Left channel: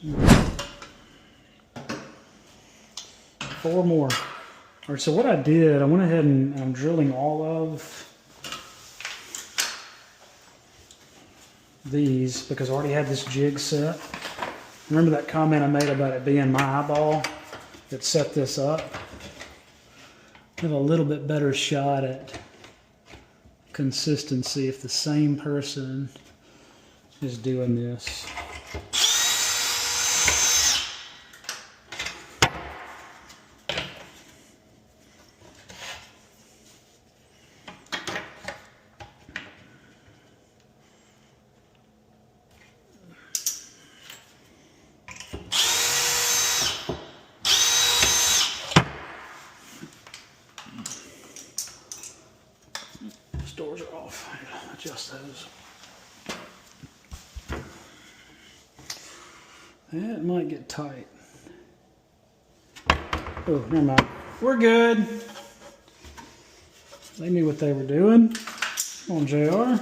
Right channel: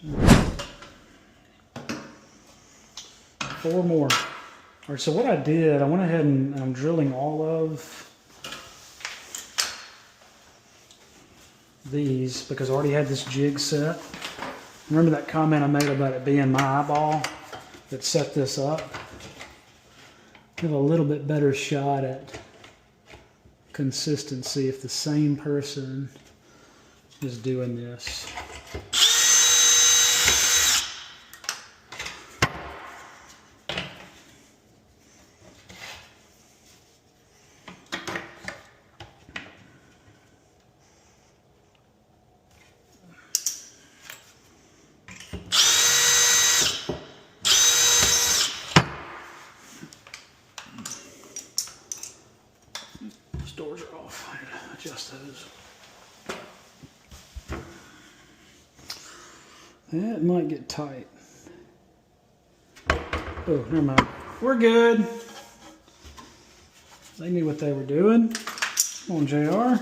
4 more. All right, so what I did, I went ahead and I'm drilling all of these because I already had this jig set. Remember that comment I made about it being my eyeball that set this up? Have a little bit better shot at consistency if the same person is doing this. Those doors are off. Adjust those. That might get tight. Oh, never mind. We're good. They knew what they were doing. Come on, JR.